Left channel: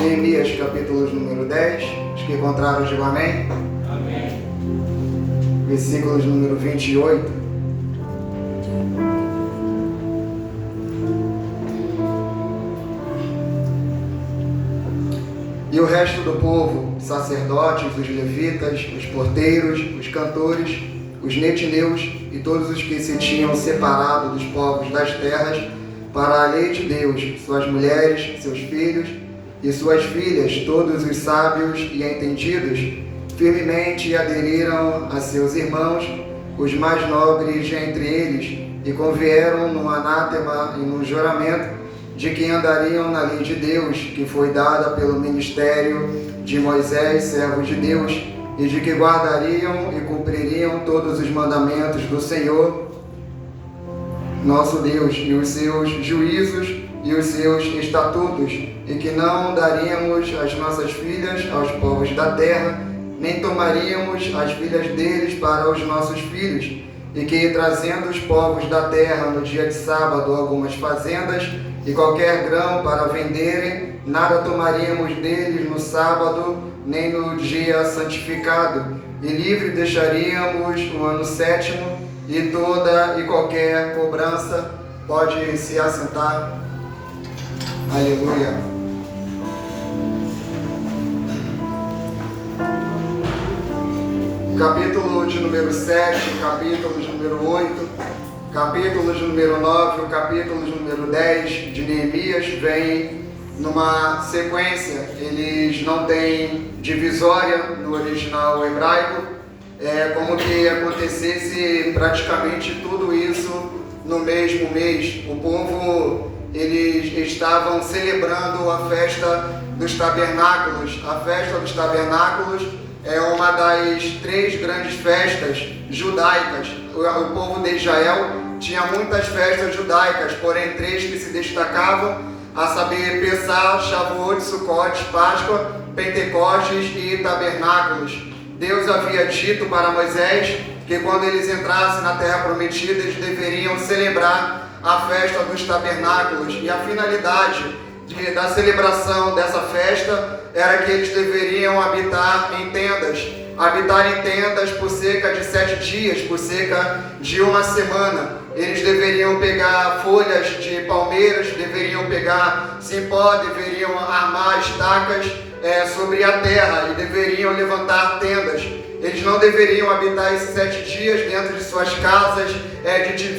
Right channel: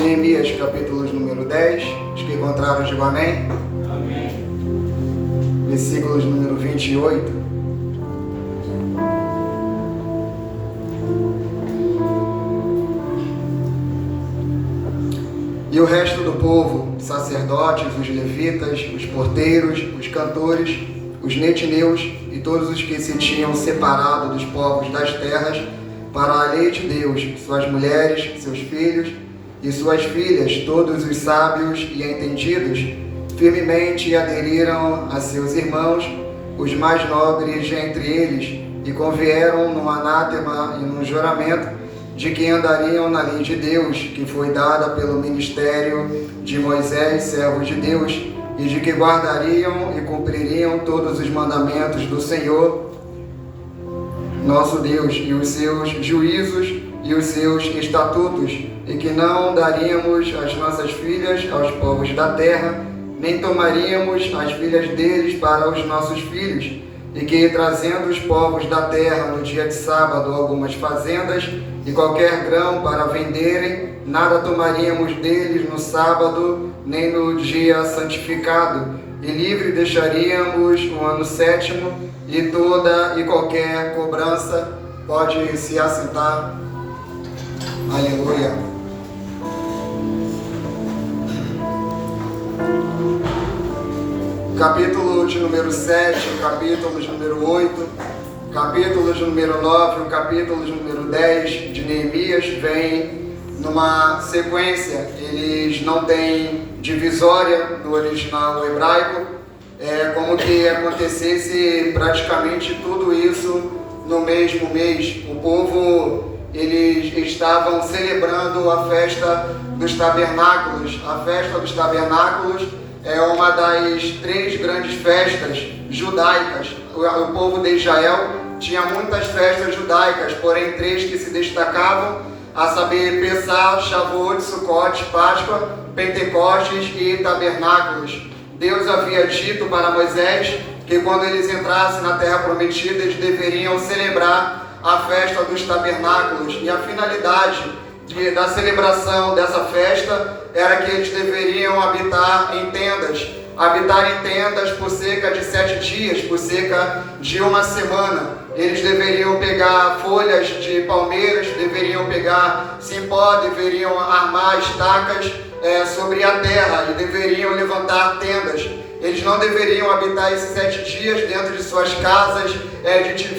Neemias, capítulo número 10. Os que encontraram, digam amém. Amém. Versículos número 28. E o resto do povo, sacerdotes, os levitas, os porteiros, os cantores, os netineus e todos os que se tinham separado dos povos das terras para a lei de Deus, suas mulheres, seus filhos e suas filhas, todos os sábios e entendidos, firmemente aderiram a seus irmãos, os mais nobres entre eles, e convieram num anátema e num juramento de que andariam na lei de Deus, que foi dada pelo ministério de Moisés, servo de Deus, e de que guardariam e cumpririam todos os mandamentos do Senhor, nosso Deus, e os seus juízos e os seus estatutos, e que não daríamos as nossas filhas aos povos da terra, nem tomaríamos as filhas deles para os nossos filhos, e que, trazendo os povos da terra no dia de sábado algumas fazendas e qualquer grão para venderem, nada tomaríamos deles no sábado, nem no dia santificado, e livre deixaríamos o ano sétimo, e toda e qualquer cobrança. Pode se assentar. Aleluia. Capítulo de número 7, capítulo de número 8, capítulo de número 9, o capítulo de número 10 de Neemias vem numa sequência. Eles não têm divisória no original hebraico, é como que acontecesse praticamente tudo isso no mesmo mês. O povo, eles estavam celebrando a festa dos tabernáculos. A festa dos tabernáculos é uma das 3 grandes festas judaicas. O povo de Israel tinha muitas festas judaicas, porém 3 que se destacavam, a saber, Pessah, Shavuot, Sukkot, Páscoa, Pentecostes e Tabernáculos. Deus havia dito para Moisés que quando eles entrassem na terra prometida, eles deveriam celebrar a festa dos tabernáculos, e a finalidade da celebração dessa festa era que eles deveriam habitar em tendas por cerca de 7 dias, por cerca de uma semana. Eles deveriam pegar folhas de palmeiras, deveriam pegar cipó, deveriam armar estacas sobre a terra e deveriam levantar tendas. Eles não deveriam habitar esses 7 dias dentro de suas casas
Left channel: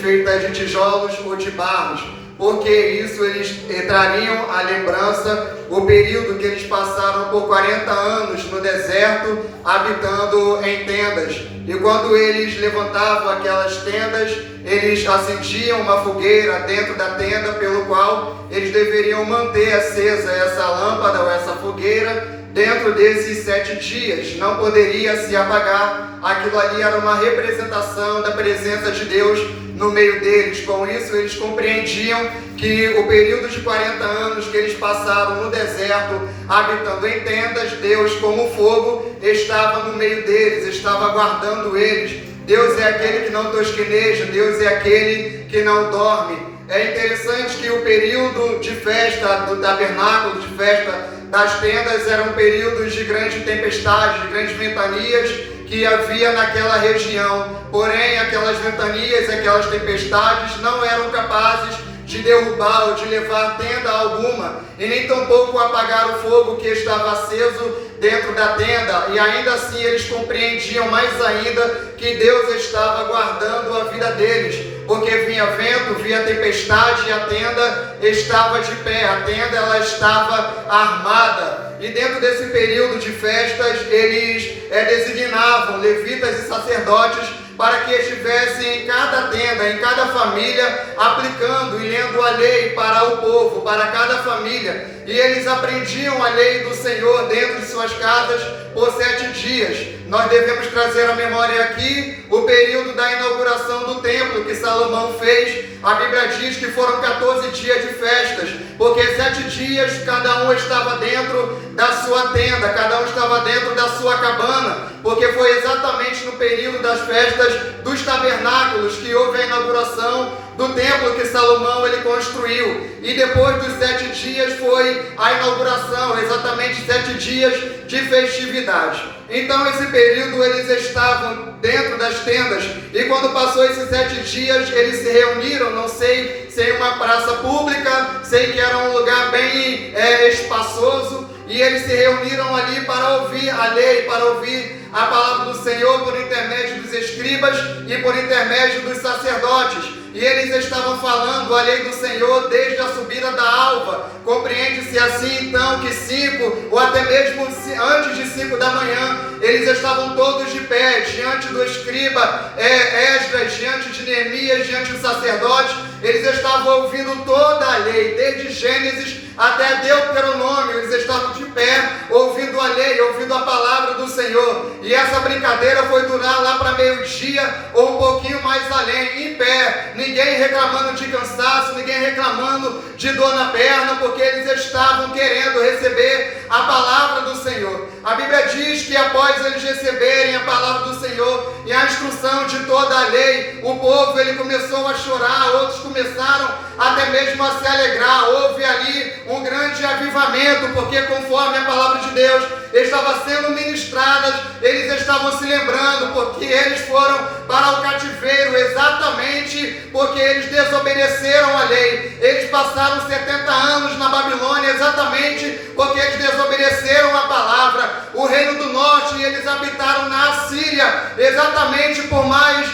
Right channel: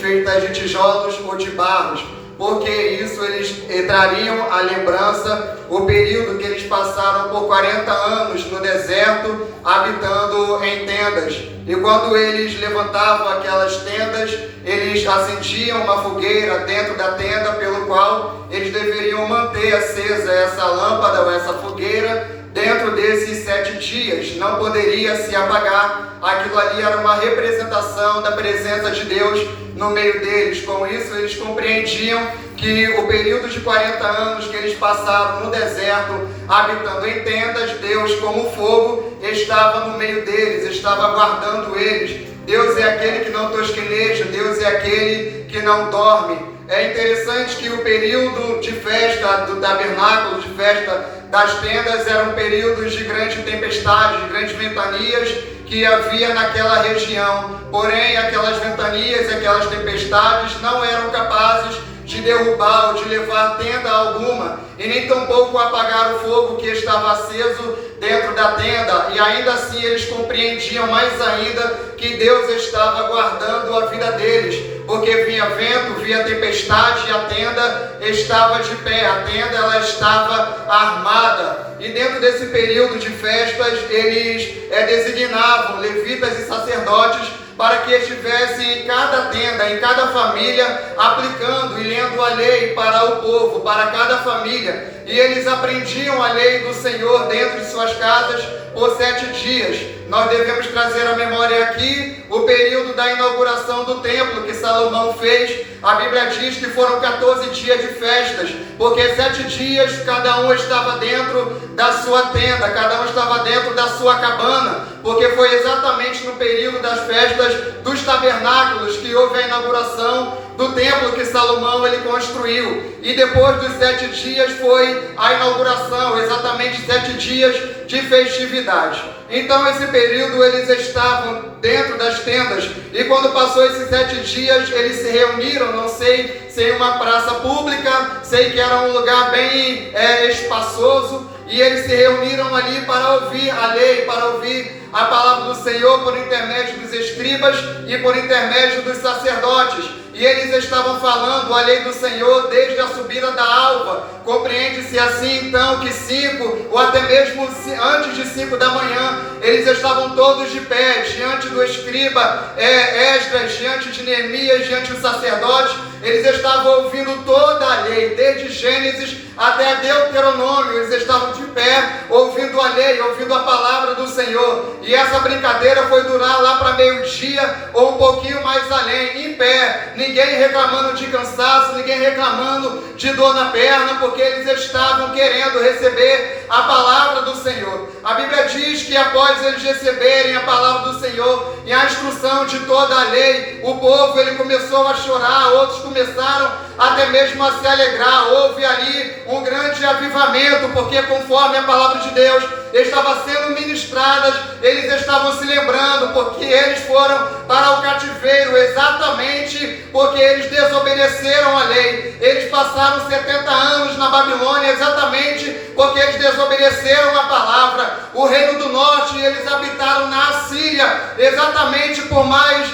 feitas de tijolos ou de barros, porque isso eles trariam à lembrança o período que eles passaram por 40 anos no deserto, habitando em tendas. E quando eles levantavam aquelas tendas, eles acendiam uma fogueira dentro da tenda, pelo qual eles deveriam manter acesa essa lâmpada ou essa fogueira dentro desses 7 dias. Não poderia se apagar. Aquilo ali era uma representação da presença de Deus no meio deles. Com isso, eles compreendiam que o período de 40 anos que eles passaram no deserto, habitando em tendas, Deus, como fogo, estava no meio deles, estava guardando eles. Deus é aquele que não tosqueneja, Deus é aquele que não dorme. É interessante que o período de festa do tabernáculo, de festa das tendas, eram períodos de grande tempestade, de grandes ventanias que havia naquela região. Porém, aquelas ventanias, aquelas tempestades não eram capazes de derrubar ou de levar tenda alguma, e nem tampouco apagar o fogo que estava aceso dentro da tenda. E ainda assim eles compreendiam mais ainda que Deus estava guardando a vida deles, porque vinha vento, vinha tempestade, e a tenda estava de pé, a tenda ela estava armada. E dentro desse período de festas, eles designavam levitas e sacerdotes para que estivessem em cada tenda, em cada família, aplicando e lendo a lei para o povo, para cada família. E eles aprendiam a lei do Senhor dentro de suas casas por 7 dias. Nós devemos trazer à memória aqui o período da inauguração do templo que Salomão fez. A Bíblia diz que foram 14 dias de festas, porque 7 dias cada um estava dentro da sua tenda, cada um estava dentro da sua cabana, porque foi exatamente no período das festas dos tabernáculos que houve a inauguração do templo que Salomão ele construiu. E depois dos 7 dias foi a inauguração, exatamente 7 dias de festividade. Então esse período eles estavam dentro das tendas, e quando passou esses 7 dias eles se reuniram, não sei se em uma praça pública, sei que era um lugar bem espaçoso, e eles se reuniram ali para ouvir a lei, para ouvir a palavra do Senhor por intermédio dos escribas e por intermédio dos sacerdotes. E eles estavam falando a lei do Senhor desde a subida da alva. Compreende-se assim então que 5 ou até mesmo antes de 5 da manhã, eles estavam todos de pé, diante do escriba Esdras, diante de Neemias, diante dos sacerdotes. Eles estavam ouvindo toda a lei, desde Gênesis até Deuteronômio. Eles estavam de pé, ouvindo a lei, ouvindo a palavra do Senhor. E essa brincadeira foi durar lá para meio-dia ou um pouquinho mais além, em pé. Ninguém reclamando de cansaço, ninguém reclamando de dor na perna, porque eles estavam querendo receber a palavra do Senhor. A Bíblia diz que após eles receberem a palavra do Senhor e a instrução de toda a lei, o povo ele começou a chorar, outros começaram até mesmo a se alegrar. Houve ali um grande avivamento, porque conforme a palavra de Deus estava sendo ministrada, eles estavam se lembrando, porque eles foram para o cativeiro exatamente porque eles desobedeceram a lei. Eles passaram 70 anos na Babilônia exatamente porque eles desobedeceram a palavra. O reino do norte, eles habitaram na Assíria exatamente por mais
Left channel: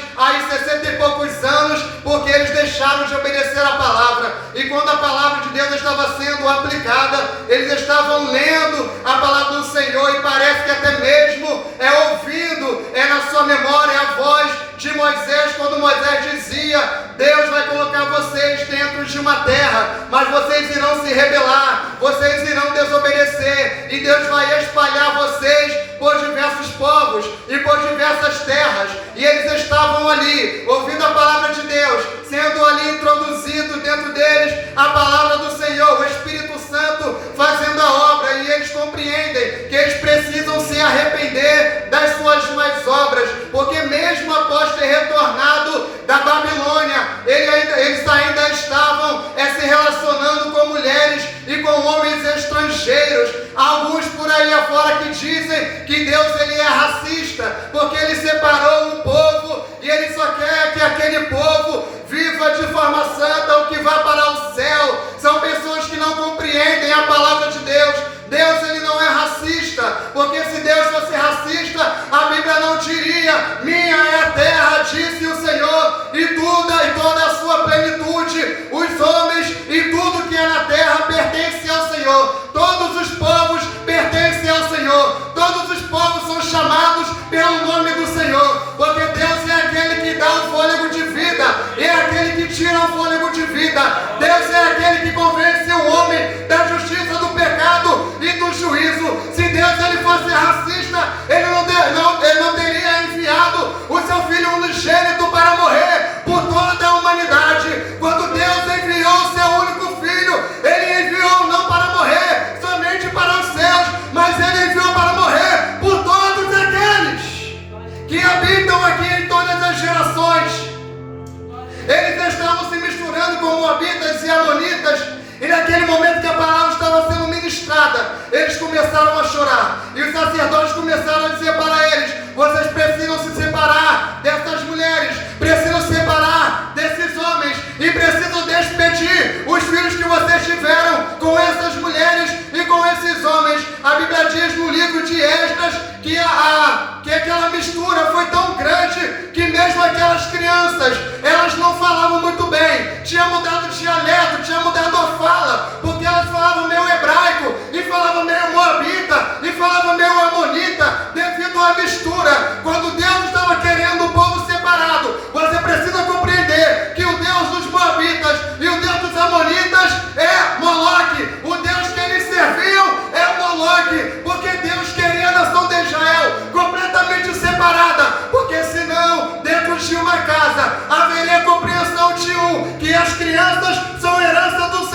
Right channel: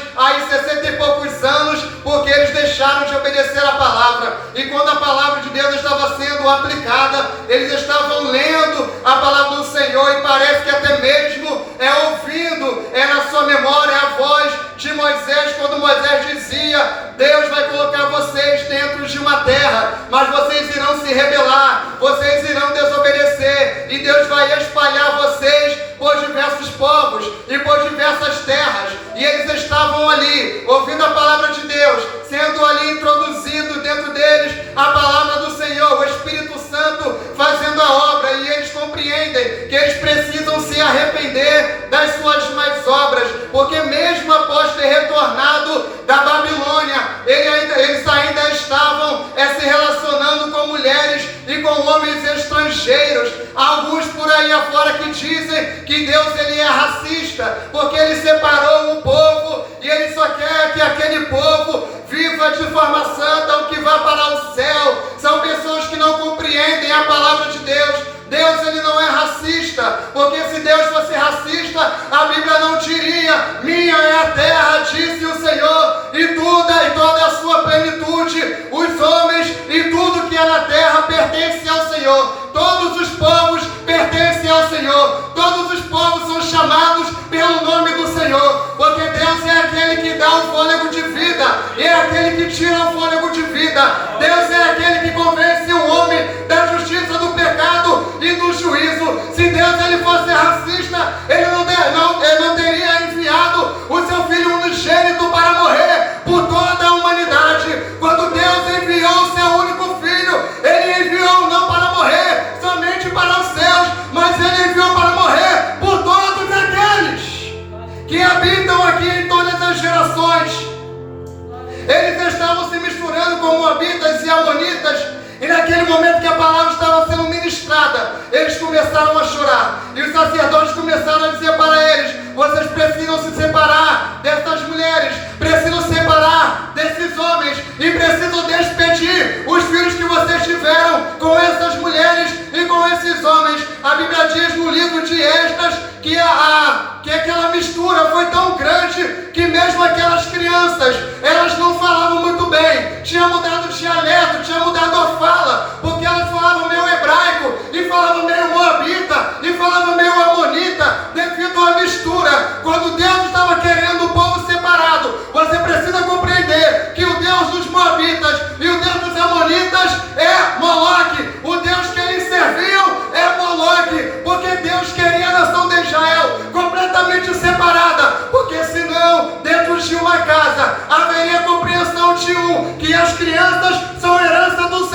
60 e poucos anos, porque eles deixaram de obedecer a palavra. E quando a palavra de Deus estava sendo aplicada, eles estavam lendo a palavra do Senhor, e parece que até mesmo ouvindo na sua memória a voz de Moisés, quando Moisés dizia: Deus vai colocar vocês dentro de uma terra, mas vocês irão se rebelar, vocês irão desobedecer, e Deus vai espalhar vocês por diversos povos e por diversas terras. E eles estavam ali, ouvindo a palavra de Deus, sendo ali introduzido dentro deles a palavra do Senhor, o Espírito Santo fazendo a obra, e eles compreendem que eles precisam se arrepender das suas más obras, porque mesmo após ter retornado da Babilônia, eles ainda estavam se relacionando com mulheres e com homens estrangeiros. Alguns por aí afora que dizem que Deus ele é racista, porque ele separou o povo e ele só quer que aquele povo viva de forma santa ou que vá para o céu. São pessoas que não compreendem a palavra de Deus. Deus ele não é racista, porque se Deus fosse racista, a Bíblia não diria: minha é a terra, disse o Senhor, e toda a sua plenitude, os homens e tudo que é na terra pertence ao Senhor. Todos os povos pertencem ao Senhor, todos os povos são chamados pelo nome do Senhor, porque Deus é aquele que dá o fôlego de vida, e é aquele que tira o fôlego de vida. Deus é aquele que convence o homem da justiça, do pecado e do juízo. Se Deus ele fosse racista, ele não teria enviado o seu filho unigênito para morrer por toda a humanidade. Quando Deus enviou o seu único filho, ele enviou não para morrer somente para os céus, mas ele enviou para morrer por todos aqueles que habitam aqui em todas as gerações. Eles estavam se misturando com moabitas e amonitas. E naquele momento que a palavra estava sendo ministrada, eles começaram a chorar. E os sacerdotes começaram a dizer para eles: vocês precisam se separar dessas mulheres, precisam se separar desses homens, e precisam despedir os filhos que vocês tiveram com essas mulheres e com esses homens. A Bíblia diz no livro de Esdras que aquela mistura foi tão grande que mesmo aquelas crianças, elas não falavam muito bem. Tinha mudado o dialeto, tinha mudado a fala, porque elas falavam meio hebraico, e falavam meio moabita, e falavam meio amonita, devido à mistura. Quando Deus estava querendo o povo separado, você precisa compreender que o Deus dos moabitas e o Deus dos amonitas é Moloque. O Deus que eles serviam é Moloque, porque Deus queria a nação de Israel completamente separada, porque senão dentro de uma casa haveria compreensão de que as crianças são herança do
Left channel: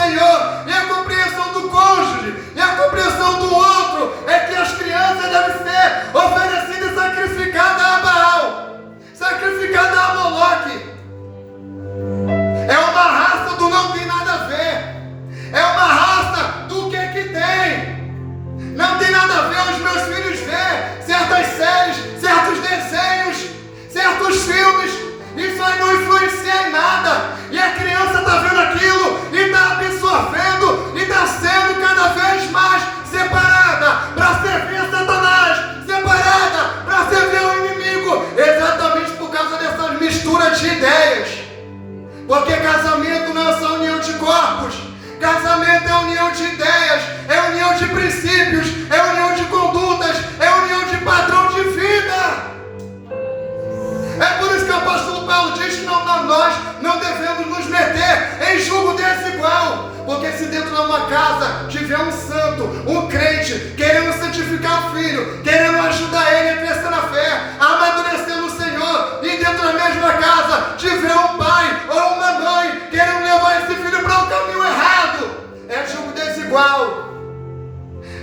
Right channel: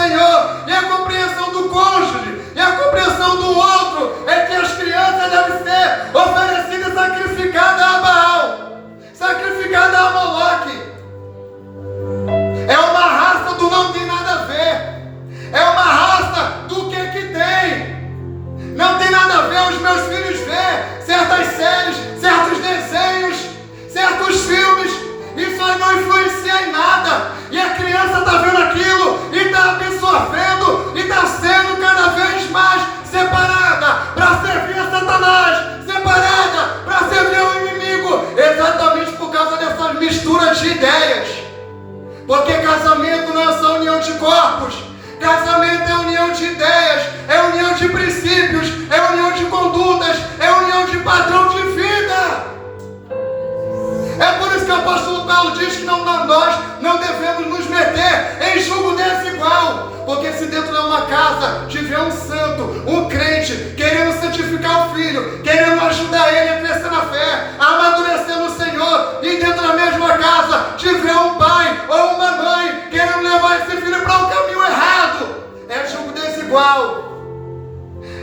não devemos nos meter em julgo desigual. Porque se dentro de uma casa tiver um santo, um crente, querendo santificar o filho, querendo ajudar ele a crescer na fé, a amadurecer no Senhor, e dentro da mesma casa tiver um pai ou uma mãe querendo levar esse filho para o caminho errado, é julgo desigual.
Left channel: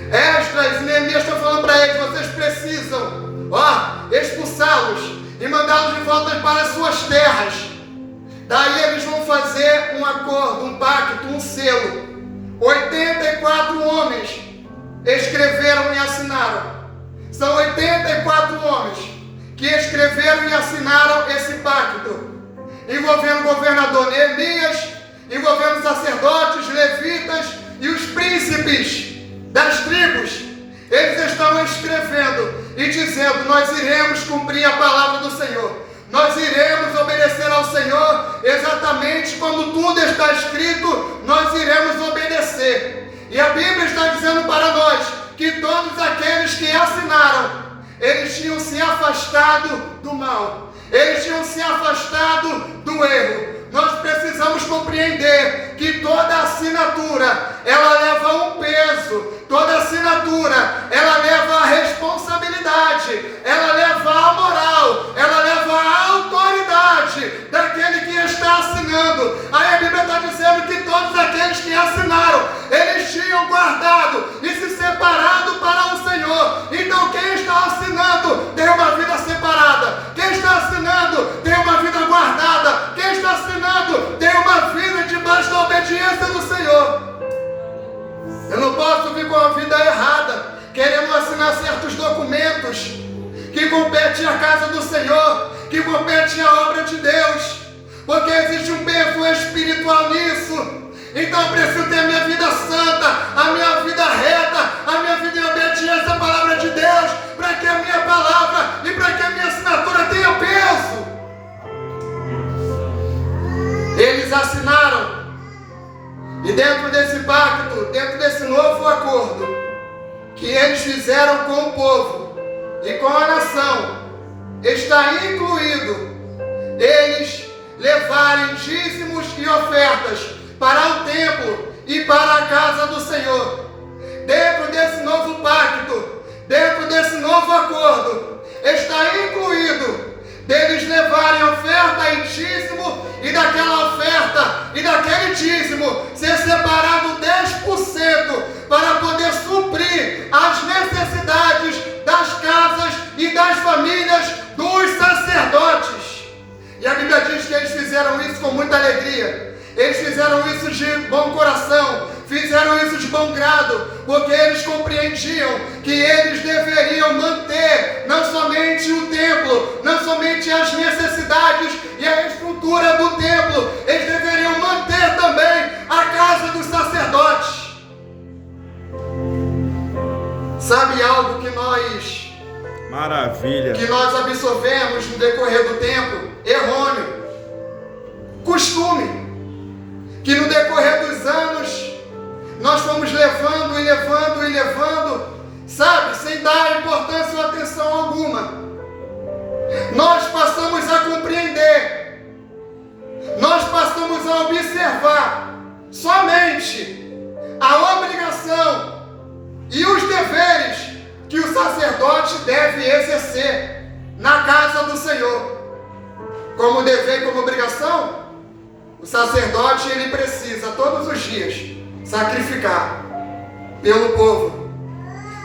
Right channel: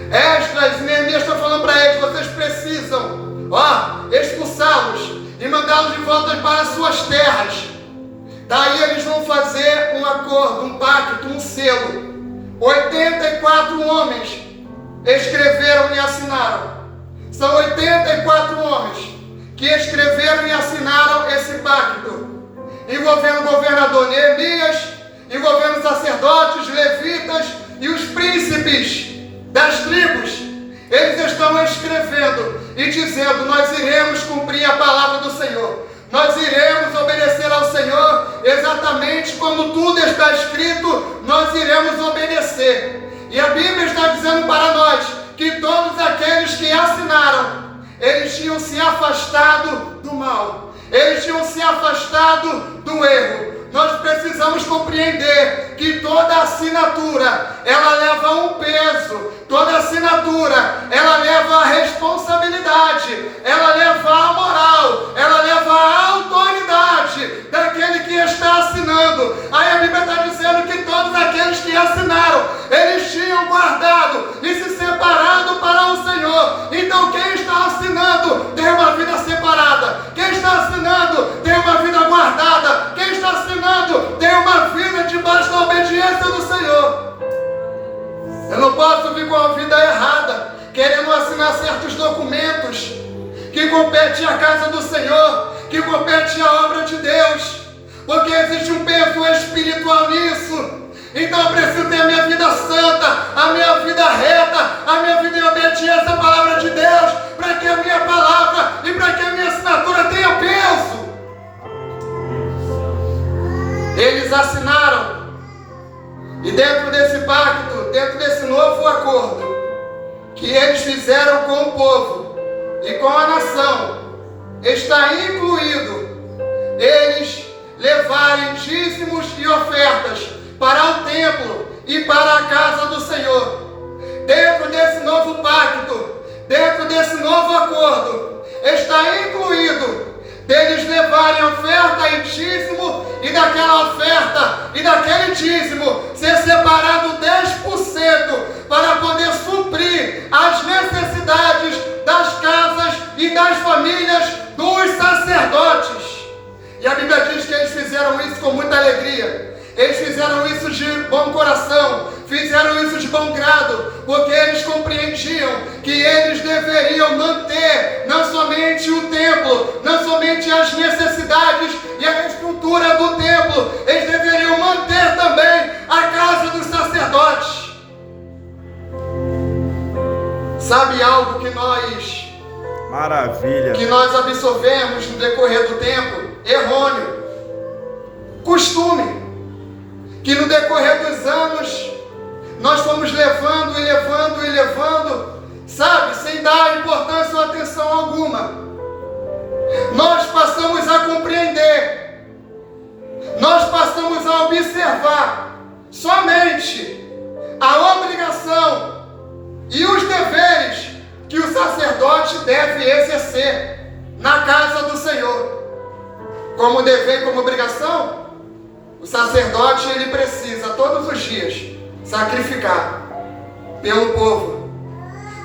Esdras e Neemias estão falando para eles: vocês precisam expulsá-los e mandá-los de volta para as suas terras. Daí eles vão fazer um acordo, um pacto, um selo. 84 homens escreveram e assinaram. São 84 homens que escreveram e assinaram esse pacto, envolvendo o governador Neemias, envolvendo os sacerdotes, levitas e os príncipes das tribos. Eles estão escrevendo e dizendo: nós iremos cumprir a palavra do Senhor. Nós iremos obedecer ao Senhor exatamente como tudo está escrito, nós iremos obedecer. E a Bíblia está dizendo para nós que todos aqueles que assinaram, eles tinham se afastado do mal, eles tinham se afastado do erro. Nós precisamos compreender que toda assinatura, ela leva um peso, toda assinatura, ela leva a responsabilidade, ela leva a moral, ela leva a autoridade daquele que está assinando. Aí a Bíblia está dizendo que todos aqueles que assinaram, eles tinham guardado e se separado para o Senhor. Então quem está assinando tem uma vida separada, quem está assinando tem uma vida guardada, quem está assinando tem uma vida debaixo da obediência do Senhor. Eu não posso vir com a vida errada, querendo assinar certos documentos que competem à casa do Senhor, que competem à obra de Deus, porque existe um peso espiritual nisso. Então eu preciso ter a minha vida santa, a minha vida reta, a minha vida em obediência à palavra de Deus, para que a minha palavra e para que a minha assinatura tenha peso. Eles assinaram, e dentro desse pacto, dentro desse novo acordo que eles fizeram com o povo e com a nação, está incluído eles levarem dízimos e ofertas para o templo e para a casa do Senhor. Dentro desse novo pacto, dentro desse novo acordo, está incluído deles levarem oferta e dízimo, e daquela oferta e daquele dízimo ser separado 10% para poder suprir as necessidades das casas e das famílias dos sacerdotes. E a Bíblia diz que eles fizeram isso com muita alegria. Eles fizeram isso de bom coração, fizeram isso de bom grado, porque eles compreendiam que eles deveriam manter não somente o templo, não somente as necessidades e a estrutura do templo, eles deveriam manter também a casa dos sacerdotes. Sabe algo que nós absorvemos no decorrer do tempo? Errôneo. Costume. Que no decorrer dos anos, nós fomos levando, sabe, sem dar importância ou atenção alguma. Nós passamos a compreender, nós passamos a observar somente a obrigação e os deveres que o sacerdote deve exercer na casa do Senhor. Como dever e como obrigação, o sacerdote, ele precisa todos os dias sacrificar pelo povo.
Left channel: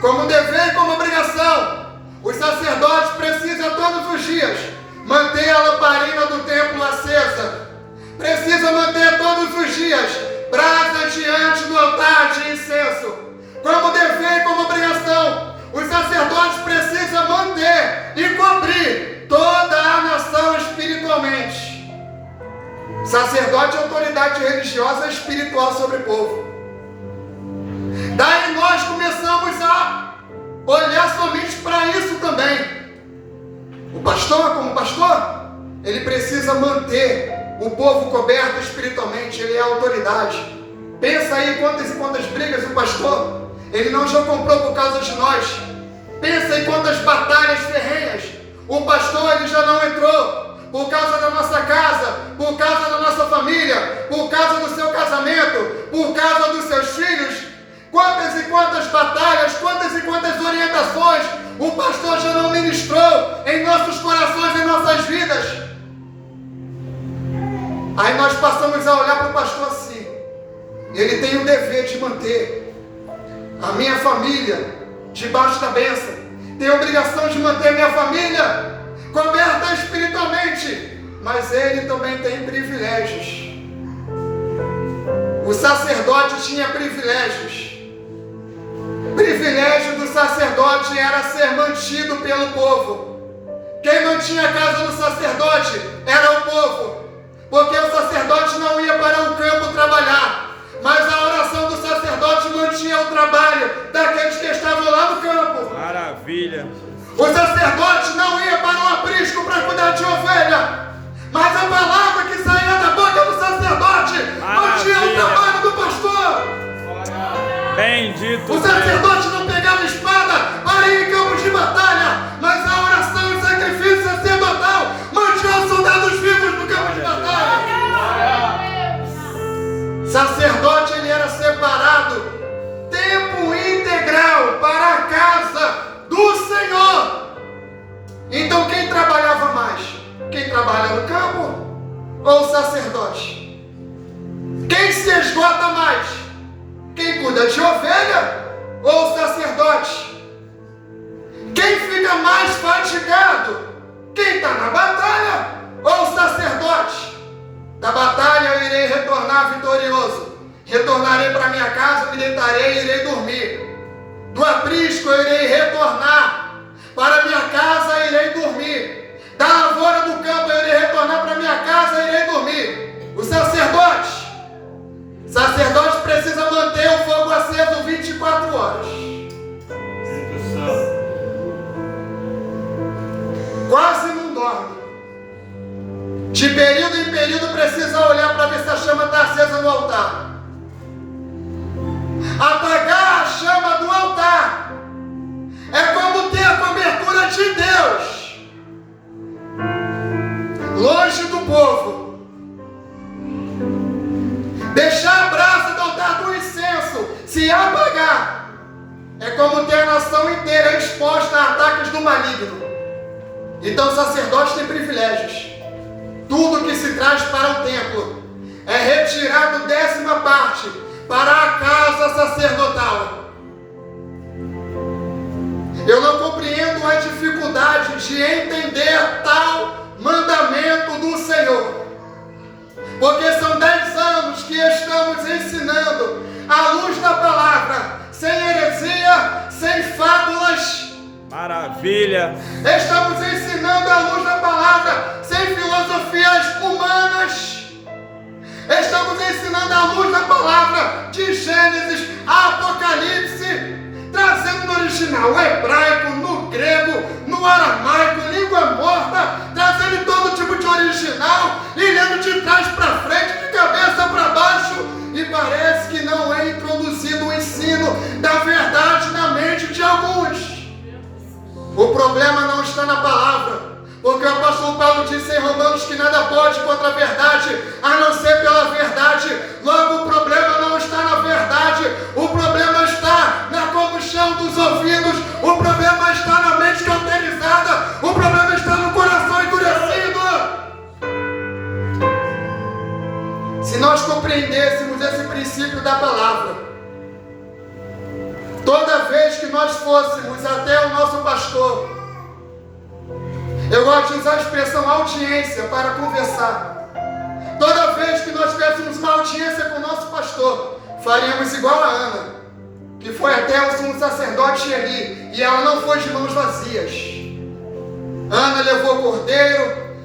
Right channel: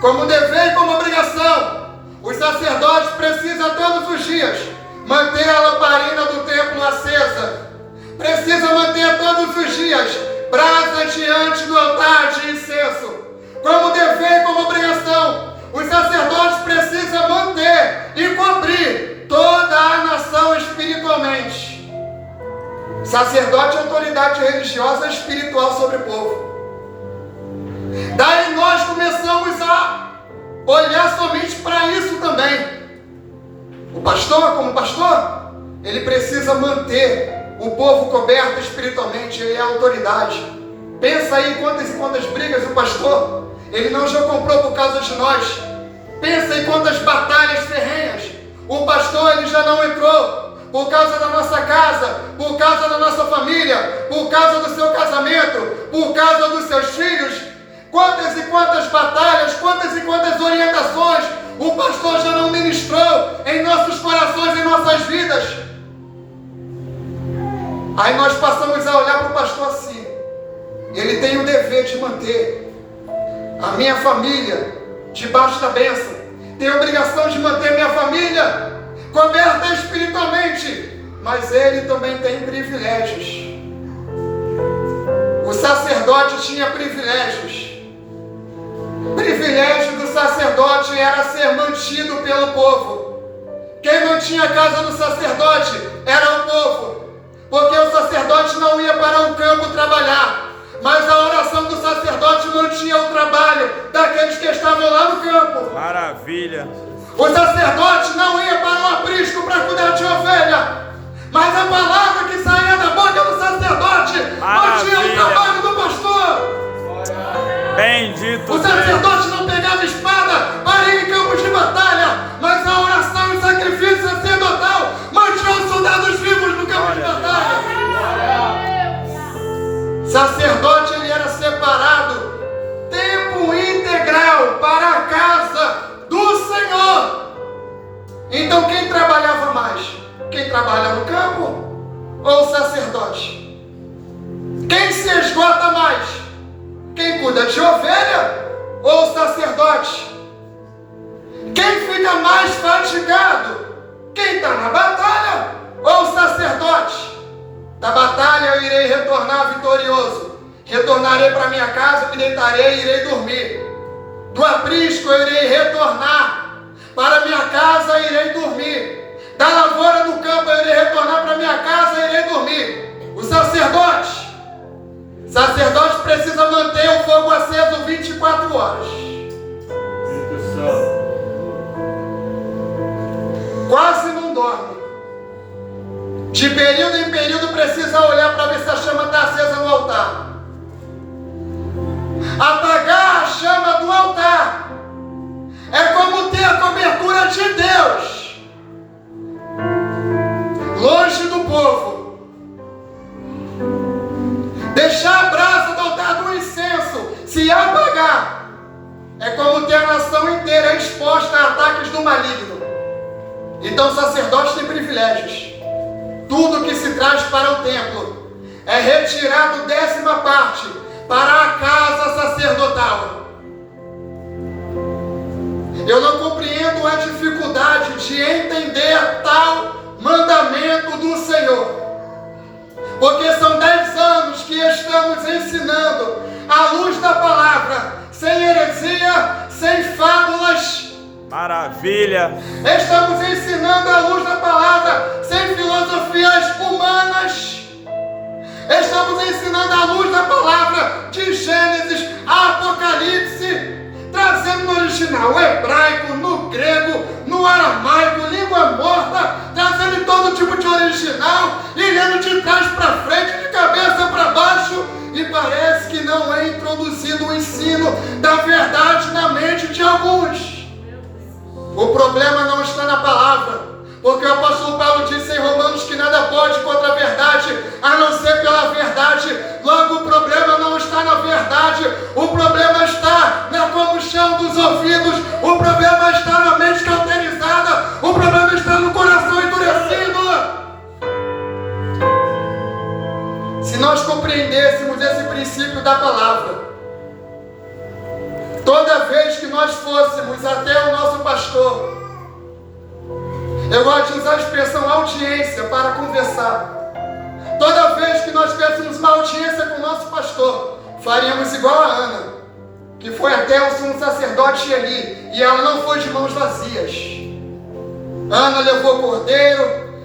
Como dever e como obrigação, os sacerdotes precisam todos os dias manter a lamparina do templo acesa. Precisam manter todos os dias brasa diante do altar de incenso. Como dever e como obrigação, os sacerdotes precisam manter e cobrir toda a nação espiritualmente. Sacerdote é autoridade religiosa e espiritual sobre o povo. Daí nós começamos a olhar somente para isso também. O pastor, como pastor, ele precisa manter o povo coberto espiritualmente, ele é a autoridade. Pensa aí quantas brigas o pastor, ele não já comprou por causa de nós. Pensa em quantas batalhas ferrenhas o pastor, ele já não entrou. por causa da nossa casa, por causa da nossa família, por causa do seu casamento, por causa dos seus filhos. Quantas e quantas batalhas, quantas e quantas orientações o pastor já não ministrou em nossos corações, em nossas vidas. Aí nós passamos a olhar para o pastor assim. Ele tem o dever de manter a minha família debaixo da bênção. Tem a obrigação de manter a minha família coberta espiritualmente. Mas ele também tem privilégios. O sacerdote tinha privilégios. O privilégio do sacerdote era ser mantido pelo povo. Quem não tinha casa do sacerdote era o povo. Porque o sacerdote não ia para um campo trabalhar, mas a oração do sacerdote mantinha o trabalho daqueles que estavam lá no campo. Maravilha! O sacerdote não ia para o aprisco para cuidar de ovelha, mas a palavra que saía da boca do sacerdote mantinha o trabalho do pastor. Bendito o sacerdote não pegava espada para ir em campos de batalha, mas a oração e sacrifício sacerdotal mantinha os soldados vivos no campo de batalha. Sacerdote, ele era separado tempo integral para a casa do Senhor. Então quem trabalhava mais? Quem trabalha no campo ou o sacerdote? Quem se esgota mais? Quem cuida de ovelha ou o sacerdote? Quem fica mais fatigado? Quem está na batalha ou o sacerdote? Da batalha eu irei retornar vitorioso. Retornarei para minha casa, me deitarei e irei dormir. Do aprisco eu irei retornar para minha casa e irei dormir. Da lavoura do campo eu irei retornar para minha casa e irei dormir. O sacerdote precisa manter o fogo aceso 24 horas. Quase não dorme. De período em período precisa olhar para ver se a chama está acesa no altar. Apagar a chama do altar é como ter a cobertura de Deus longe do povo. Deixar a brasa do altar do incenso se apagar é como ter a nação inteira exposta a ataques do maligno. Então o sacerdote tem privilégios. Tudo que se traz para o templo é retirado 10ª parte para a casa sacerdotal. Eu não compreendo a dificuldade de entender tal mandamento do Senhor, porque são 10 anos que estamos ensinando à luz da palavra, sem heresia, sem fábulas. Maravilha! Estamos ensinando à luz da palavra, sem filosofias humanas. Estamos ensinando à luz da palavra, de Gênesis a Apocalipse, trazendo no original hebraico, no grego, no aramaico, língua morta, trazendo todo tipo de original e lendo de trás para frente, de cabeça para baixo, e parece que não é introduzido o ensino da verdade na mente de alguns. O problema não está na palavra, porque o apóstolo Paulo disse em Romanos que nada pode contra a verdade, a não ser pela verdade. Logo, o problema não está na verdade, o problema está na combustão dos ouvidos, o problema está na mente cauterizada, o problema está no coração endurecido. Se nós compreendêssemos esse princípio da palavra, toda vez que nós fôssemos até o nosso pastor, eu gosto de usar a expressão audiência para conversar. Toda vez que nós tivéssemos uma audiência com o nosso pastor, faríamos igual a Ana, que foi até o sumo sacerdote Eli, e ela não foi de mãos vazias. Ana levou cordeiro,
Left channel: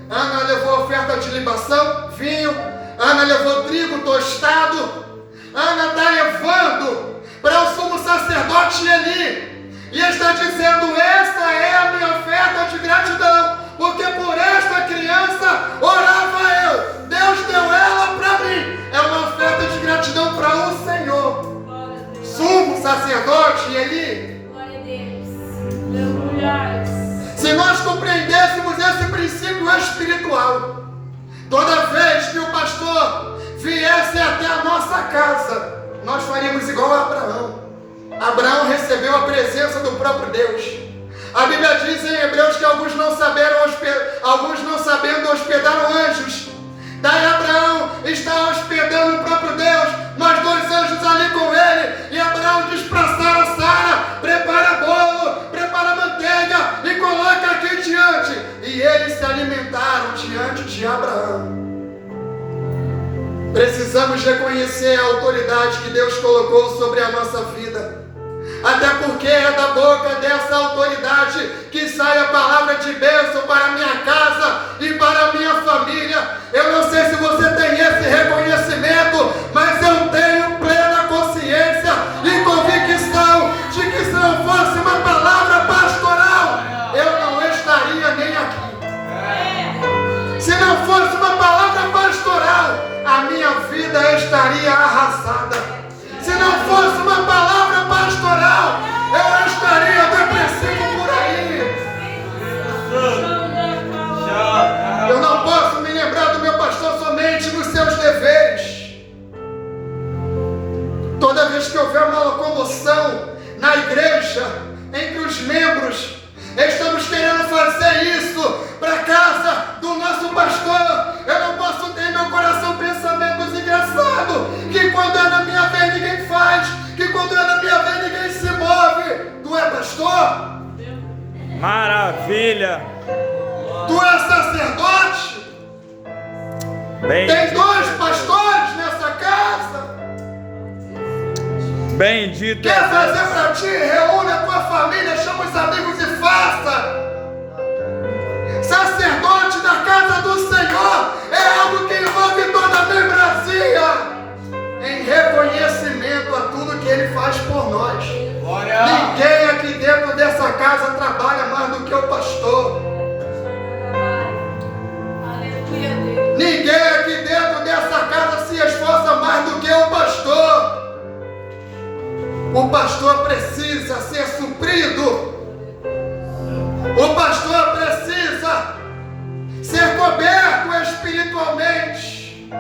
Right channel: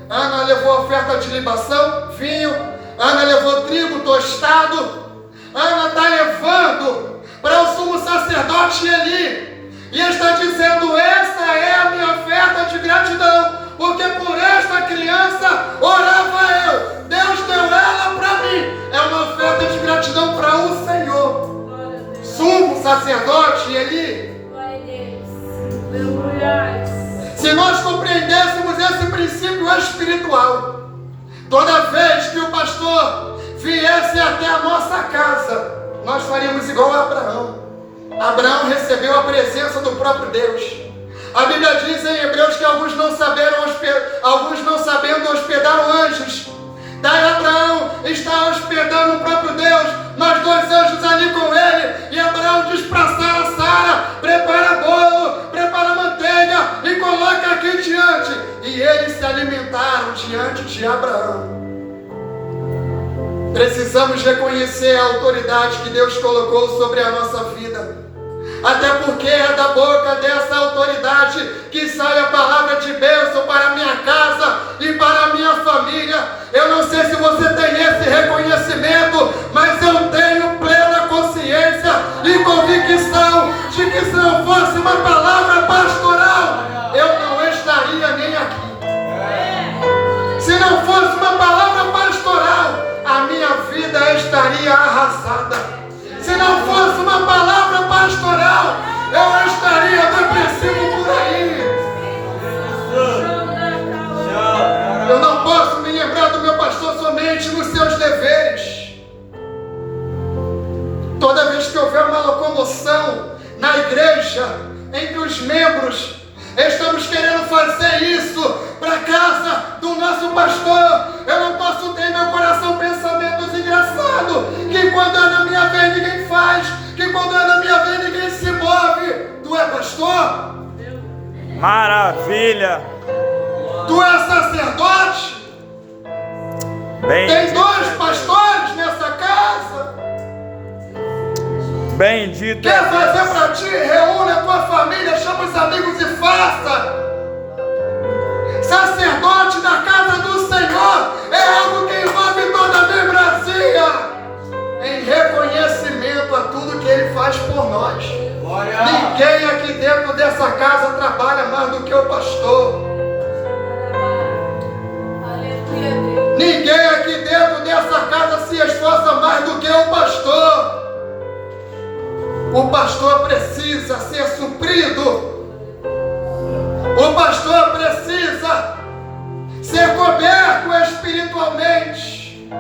Ana levou oferta de libação, vinho, Ana levou trigo tostado, Ana está levando para o sumo sacerdote Eli, e está dizendo: esta é a minha oferta de gratidão, porque por esta criança orava eu, Deus deu ela para mim. É uma oferta de gratidão para o Senhor. Sumo sacerdote Eli. Se nós compreendêssemos esse princípio espiritual. Toda vez que o pastor viesse até a nossa casa, nós faríamos igual a Abraão. Abraão recebeu a presença do próprio Deus. A Bíblia diz em Hebreus que alguns não sabendo hospedaram anjos. Daí Abraão está hospedando o próprio Deus, mas 2 anjos ali com ele, e Abraão diz para Sara: prepara bolo, prepara manteiga e coloca aqui diante. E eles se alimentaram diante de Abraão. Precisamos reconhecer a autoridade que Deus colocou sobre a nossa vida. Até porque é da boca dessa autoridade que sai a palavra de bênção para a minha casa e para a minha família. Eu não sei se você tem esse reconhecimento, mas eu tenho plena consciência e convicção de que se não fosse uma palavra pastoral, eu não estaria nem aqui. Se não fosse uma palavra pastoral, a minha vida estaria arrasada. Se não fosse uma palavra pastoral, eu estaria depressivo por aí. Eu não posso me lembrar do meu pastor somente nos seus deveres. Toda vez que houver uma locomoção na igreja, entre os membros, estamos querendo fazer isso para a casa do nosso pastor. Eu não posso ter em meu coração pensamentos engraçados, que quando é na minha vez ninguém faz, que quando é na minha vez ninguém se move. Tu é pastor? Maravilha! Tu é sacerdote? Tem 2 pastores nessa casa? Bendito Quer é fazer Deus. para ti? Reúne a tua família, chama os amigos e faça. Sacerdote na casa do Senhor é algo que envolve toda a membresia, em reconhecimento a tudo que Ele faz por nós. Glória. Ninguém aqui dentro dessa casa trabalha mais do que o pastor. Ninguém aqui dentro dessa casa se esforça mais do que o pastor. O pastor precisa ser suprido. O pastor precisa ser coberto espiritualmente.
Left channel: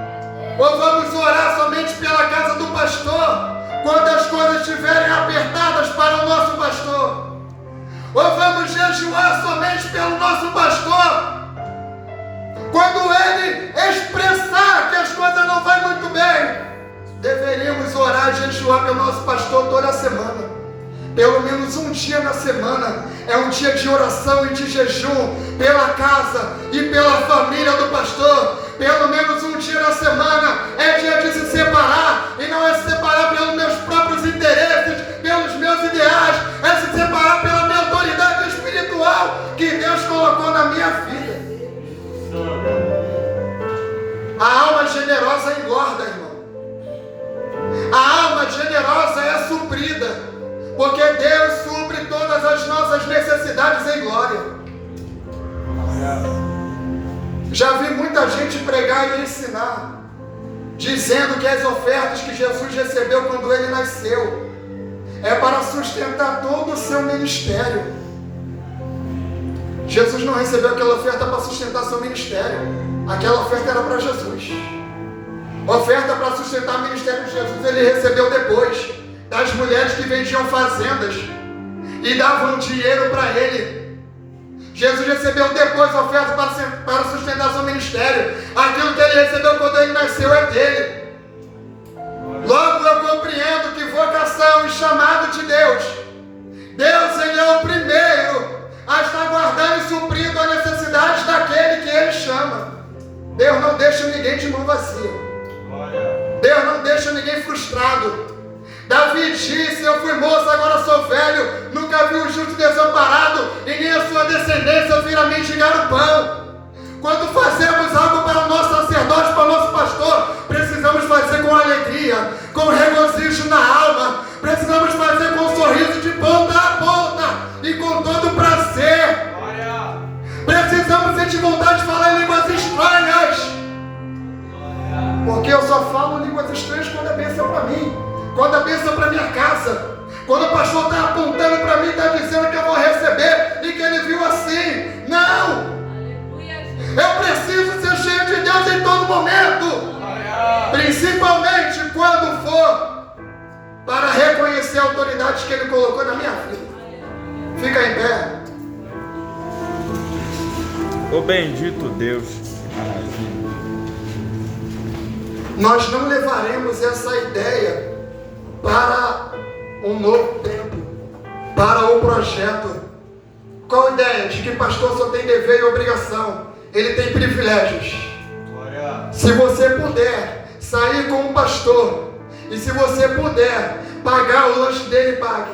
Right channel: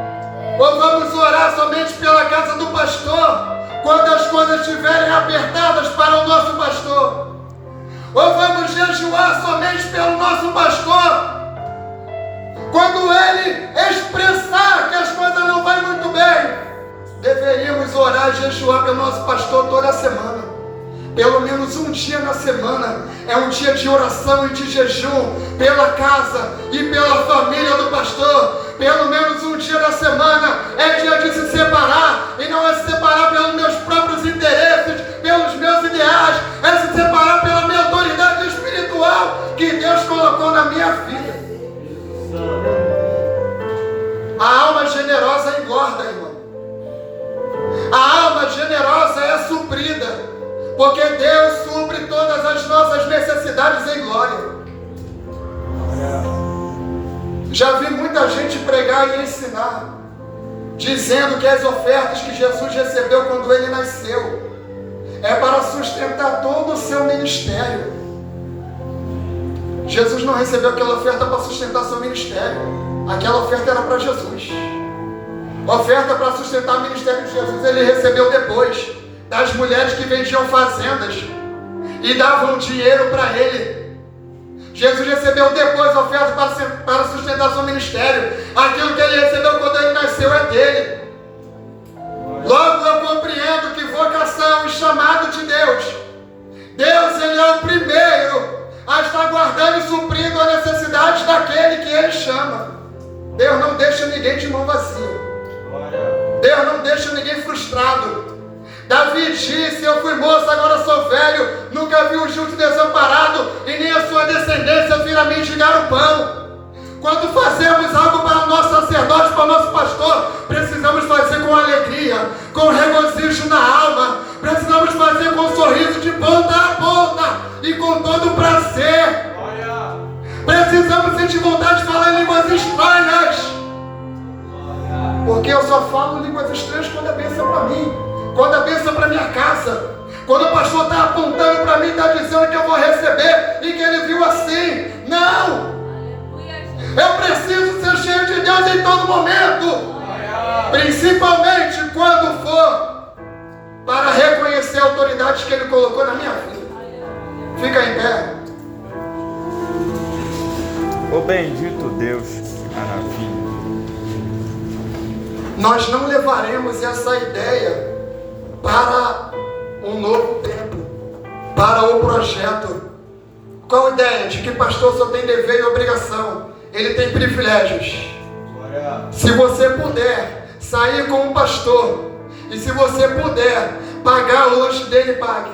Ou vamos orar somente pela casa do pastor quando as coisas estiverem apertadas para o nosso pastor? Ou vamos jejuar somente pelo nosso pastor quando ele expressar que as coisas não vão muito bem? Deveríamos orar e jejuar pelo nosso pastor toda semana. Pelo menos um dia na semana é um dia de oração e de jejum pela casa e pela família do pastor. Pelo menos um dia na semana é dia de se separar, e não é se separar pelos meus próprios interesses, pelos meus ideais, é se separar pela minha autoridade espiritual que Deus colocou na minha vida. A alma generosa engorda, irmão. A alma generosa é suprida, porque Deus supre todas as nossas necessidades em glória. Já vi muita gente pregar e ensinar, dizendo que as ofertas que Jesus recebeu quando Ele nasceu é para sustentar todo o seu ministério. Jesus não recebeu aquela oferta para sustentar seu ministério. Aquela oferta era para Jesus. A oferta para sustentar o ministério de Jesus Ele recebeu depois das mulheres que vendiam fazendas e davam dinheiro para Ele. Jesus recebeu depois a oferta para sustentar seu ministério. Aquilo que Ele recebeu quando Ele nasceu é dele. Logo eu compreendo que vocação e chamado de Deus, Ele é o primeiro a estar guardando e suprindo a necessidade daquele que Ele chama. Deus não deixa ninguém de mão vazia. Deus não deixa ninguém frustrado. Davi disse: eu fui moço, agora sou velho, nunca vi um justo desamparado, e nem a sua descendência vir a mendigar o pão. Quando fazemos algo para o nosso sacerdote, para o nosso pastor, precisamos fazer com alegria, com regozijo na alma, precisamos fazer com um sorriso de ponta a ponta e com todo prazer. Precisamos sentir vontade de falar línguas estranhas, porque eu só falo línguas estranhas quando é bênção para mim, quando é bênção para minha casa, quando o pastor está apontando para mim, está dizendo que eu vou receber e que ele viu assim. Não! Eu preciso ser cheio de Deus em todo momento, principalmente quando for para reconhecer a autoridade que Ele colocou na minha vida. Fica em pé. Ô bendito Deus, que maravilha. Nós não levaremos essa ideia para um novo tempo, para o projeto. Qual a ideia? De que pastor só tem dever e obrigação. Ele tem privilégios. Se você puder sair com um pastor, e se você puder pagar o lanche dele, pague.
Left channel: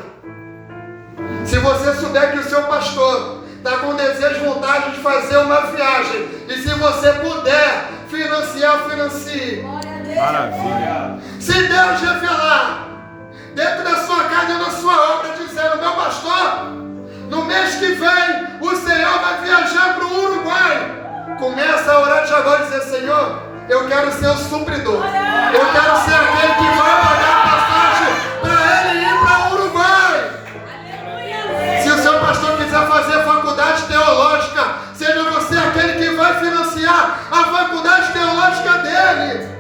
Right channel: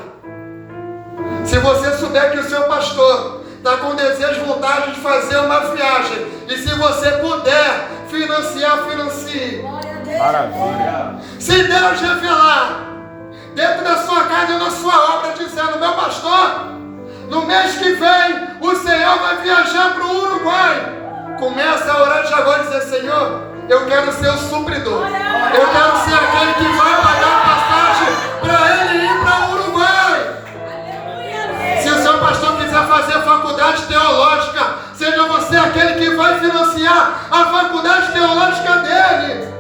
Se você souber que o seu pastor está com desejo e vontade de fazer uma viagem, e se você puder financiar, financie. Maravilha. Se Deus revelar dentro da sua casa ou na sua obra, dizendo: meu pastor, no mês que vem o Senhor vai viajar para o Uruguai, começa a orar de agora e dizer: Senhor, eu quero ser o supridor, eu quero ser aquele que vai pagar a passagem para ele ir para o Uruguai. Se o seu pastor quiser fazer faculdade teológica, seja você aquele que vai financiar a faculdade teológica dele.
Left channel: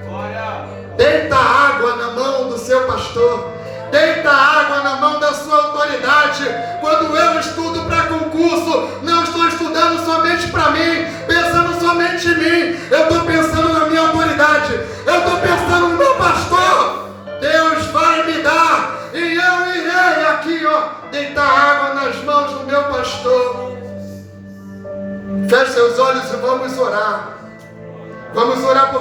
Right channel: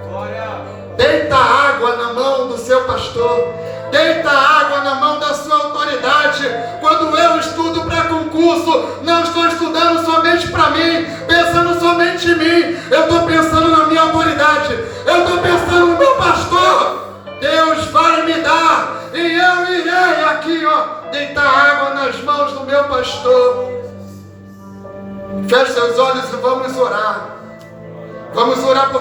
Deita água na mão do seu pastor, deita água na mão da sua autoridade. Quando eu estudo para concurso, não estou estudando somente para mim, pensando somente em mim, eu estou pensando na minha autoridade, eu estou pensando no meu pastor. Deus vai me dar, e eu irei aqui, deitar água nas mãos do meu pastor. Feche seus olhos e vamos orar. Vamos orar por